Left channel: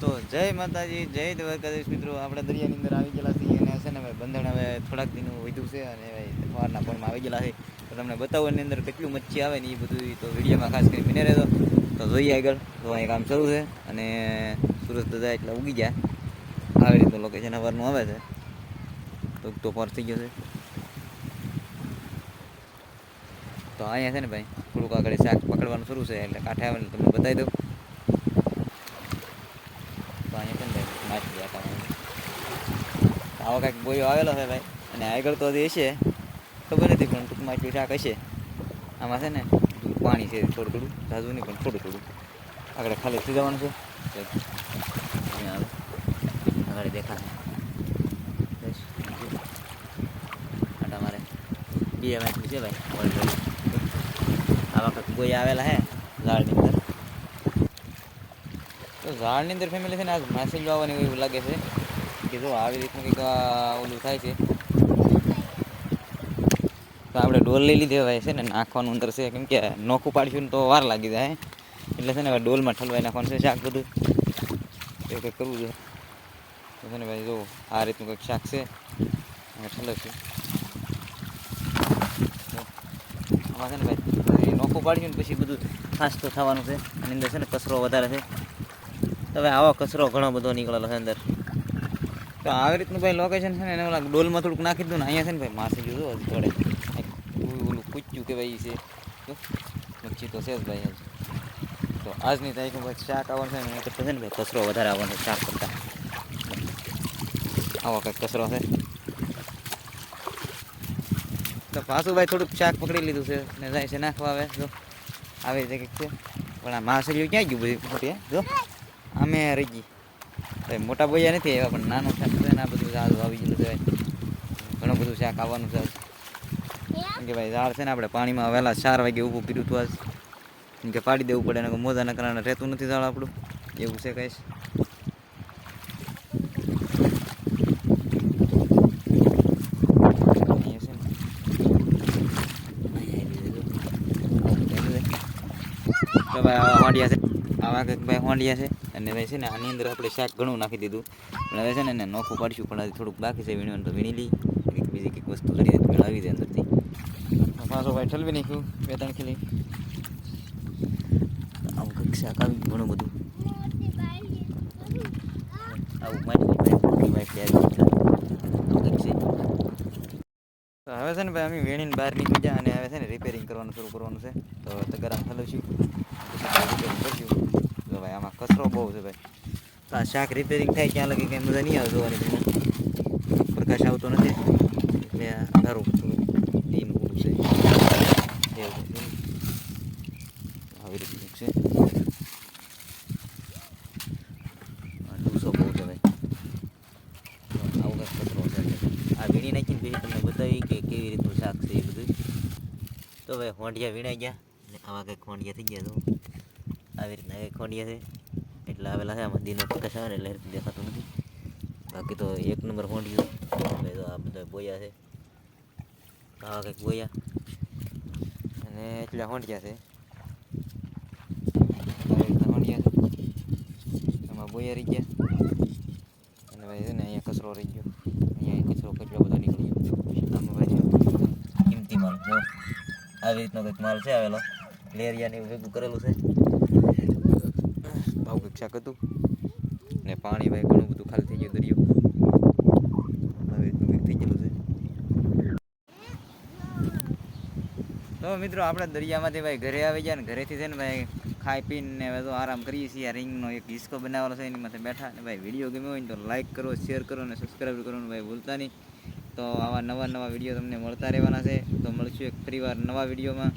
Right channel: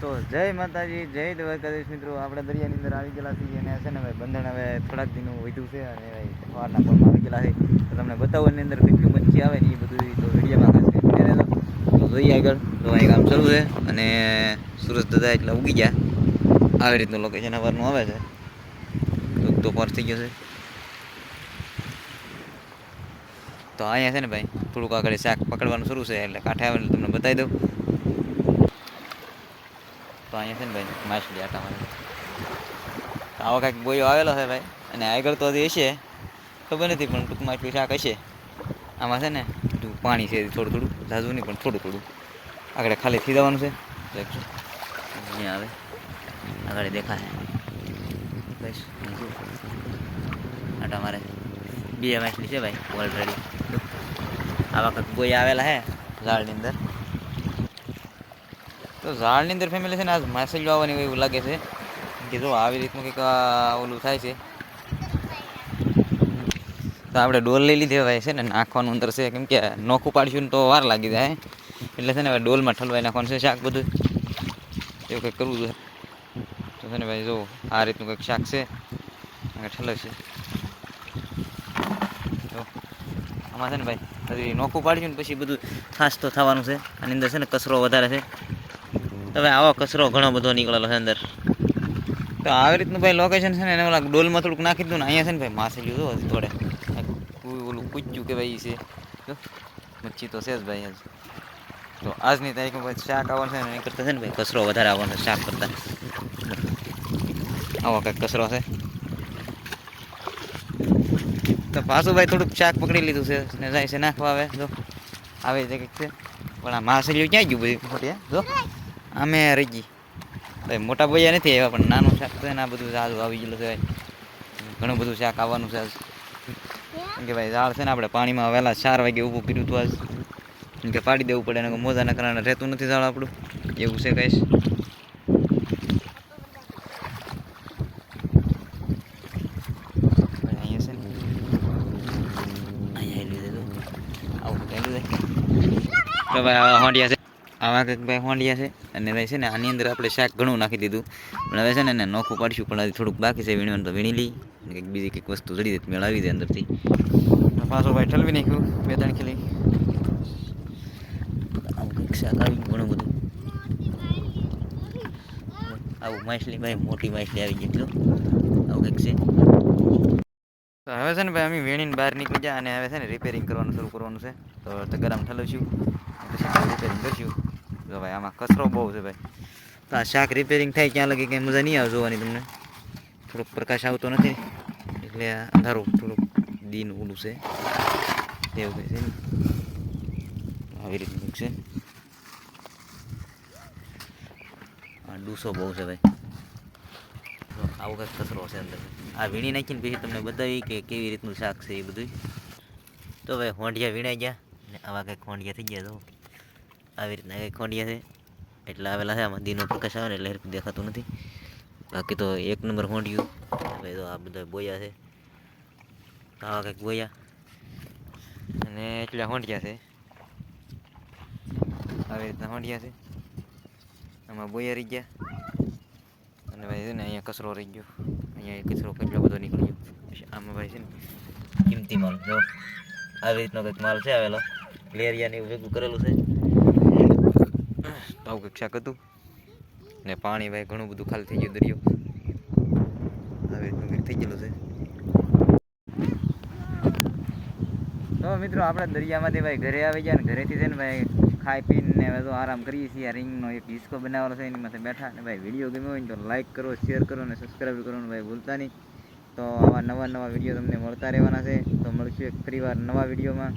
તો જય માતાજી, જય દ્વારકાધીશ મિત્રો. આપણે દરિયાની અંદર આવી ગયેલા છીએ અને છે ને ભાઈ બંધણ હવે થોડાક દિનો વધ્યું છે અને ભાઈ સવારના પોરમાં આવી ગયેલા છે. તો તમને બતાવવાની અંદર કેટલું મચ્છી આવે ને એ બધું તો વિડીયોમાં ખાસ કરી બને રહેતો. તો જોઈએ આગળ. તો અહીં કામ શરૂ છે અને સુરજ દાદા એટલે ઉગી ગયા. આવી રીતનું લોકેશન સવારનું આવે છે. તો પર થઈ ગયો છે. તો અહીંયા છે ને ભાઈ થોડુંક આગળ શાક પકડવાનું શરૂ છે એટલે કાંઠે આવે તમને બતાવી દઉં. તો અહીંયા છે ને ભાઈ માછલી આટા મારે તો આવો કાંઈક બોયો આવેલો છે ભાઈ. અને આગળ તો હજી હશે ખબર નથી પણ ટૂંકમાં એટલું શાક હશે. આમાં છે ને પાણી છે થોડું થોડું, ઝાઝું નહીં પણ થોડું થોડું. આગળ ખાલી થઈ જવાનું છે. અહીંયા આવે આગળ દેખાશે બસ આટા મારે બે માછલી છે ભાઈ ઓલરેડી. આવા કાંઈક બોયા આવેલા છે ઝાડની અંદર. તો ઝાડની અંદર ફેમિલી છે ને આજ માછલીઓ આવવાની એવું લાગે છે કે જો આવી રીતનું કંઈક ઓલું થાય છે. તો આપણે ડોલ લઈ લીધી ભાઈ છે ને નાખવાનું અંદર છે, કેમ કે નોખું પાડીશું ને તો વાર લાગી જાય એટલે છે ને ભાઈ ડોલમાં ઠલવાઈ નાખવાનું છે શાક બધું. એવું કંઈક કરવું જોઈએ. તો છે ને ભાઈ જો આ રીતનું કંઈક શાક છે ઠલવશે. તો આમાં છે ને ભાઈ નોખું પાડીશું ને પછી બધું ખાસ તો થવાનું છે. આની અંદર છે ને કચરો વધારે છે. તો ભાઈ આવો કચરો ઘણો બધો નીકળેલો છે અંદર. તો આવી રીતનું ભાઈ લોકેશન છે ને એને ઓલા ડોલમાં થોડુંક નાખી દઉં ને અહીંયા છે ને ભાઈ માછલી જો હજી થોડે ઓલું કૂચ્યું કે ભાઈ છે મચ્છી તો છે જ ભાઈ આજ. તો આજની તારીખમાં ભાઈ શાક આવવાનું છે ને એ કરતાં છે ને ભાઈ કચરો વધારે આવવાનો છે શાક કરતાં. આવો કંઈક કચરો છે. તો પાછું ભાઈ થોડુંક શાક પકડી લીધું છે ને જાય છે નાખવા. આવે જો આવી રીતે કંઈક છે પણ આ માછલીઓ ક્યાં ગયું બધી મોટી જો આમે રહી ગઈ ભાઈ. મોટા બોયા નથી આવ્યા પણ નાનું શાક છે ને આ બધું ઝાડ આવી ગયેલું છે ભાઈ. ઘણું બધું શાક આવવાનું છે આજ. કેમ કે ભાઈ ઝાડ છે ને આપણે પાણીમાં વહેલા 4 વાગે ઊભું કર્યું હતું આજ. કેમ કે પાડી દેવું પડે ને મોજાના કારણે રહેતું નથી ઝાડ આપણું એવું છે કહીશ. અહીંયા છે ને અહીંયા લીધું આવું લીધું તો ભાઈ આવા હોંડિયા છે. આવા કંઈક ભાઈ હોંડિયા છે અને ભાઈ છે ને આની અંદર આપણે શાક ઘણું નાખી દીધું પણ હવે છે ને એને નોખું પાડીશું પણ હજી થોડુંક બાકી છે વીણવાનું. તો વીણી લઈ કંઈક બીજી કંઈક વસ્તુ જડી દે મેળવી દે અંદરથી. પાછો ભાઈ ઠલવી નાખ્યું 2-3 ખીલી. આવું કંઈક શાક આવી ઘણું બધું આવું માછલી ભાઈ મોટી માછલી આવી ગઈ એટલે આવું કંઈક છે. તો હવે છે ને ભાઈ અમે વેણીને બહાર નીકળી જાય અને હવે છે ને રિપેરિંગ કરવાનું શરૂ કરવાનું છે. તો તગારામાં ઠલવશું પછી રિપેરિંગ કરશું. તો ભાઈ આમાં કચરો બહુ છે ભાઈ. તો આ શાક રિપેરિંગ થાય ક્યાં લગી કંઈ મજા નહીં આવે જોવાની તમને. થોડોક પ્રકાશ આવતો નથી એટલે અંધારું થોડુંક દીન ઓલું છે એવું કંઈ છે ને આવી રીતનું છે. ડૂસો બહુ છે ભાઈ. આવું કંઈક કચરો છે અંદર. આ વીણી નાખીને પછી તમને બતાવી કે કેવી રીતનું શાક છે એ બધું. તો ભાઈ હોંડિયા વીણાઈ ગયા ને આવા કંઈક હોંડિયા થઈ ગયા. તો આવી રીતના કંઈક હોંડિયા છે એટલે આવેલા છે. આમાં દીનો પ્રકાશ આવે ને એટલે હરખું દેખાતું નથી. બાકી તો 1 નંબર હોંડિયું. ભાઈ તો આ બધા બોયા છે. આવા કંઈક બોયા અને એટલા હોંડિયા છે. આવી રીતના હોંડિયા છે. આમાં બોયા રહી ગયા અને ભાઈ છે ને અહીંયા કચરો રહી ગયો. અહીંયા કચરો કેટલો બધો નીકળી ગયો. આમાં ભાઈ છે ને કિંમતી માલ જો આવી રીતનો કંઈક માલ છે આવેલો. લેરિયા ને એવું ભેગું કરેલું છે. આવું કંઈક શાક હતું ને પાણી ભાઈ ઘણું બધું ખાલી થઈ ગયું દરિયો. આવી રીતનું કંઈક થઈ ગયેલું છે. તો મિત્રો આપણે દરિયામાંથી ભાઈ ઘરે આવી ગયા ને ઘરેથી છે ને ભાઈ ખાઈ પીને હવે તો આરામ કરીએ છીએ. આ રીંગનો એક હિસ્કો બનાવેલો છે એની માથે બેઠા ને ભાઈ વિડીયો ગમ્યો હોય ને તો લાઇક કરો, શેર કરો ને સબસ્ક્રાઈબ કરવાનું ભાઈ ભૂલતા નહીં. તો આવા નવા વિડીયો તમને મળતા રહેવાના છે. તો મળશું એક ફરીવાર નવા વિડીયોમાં.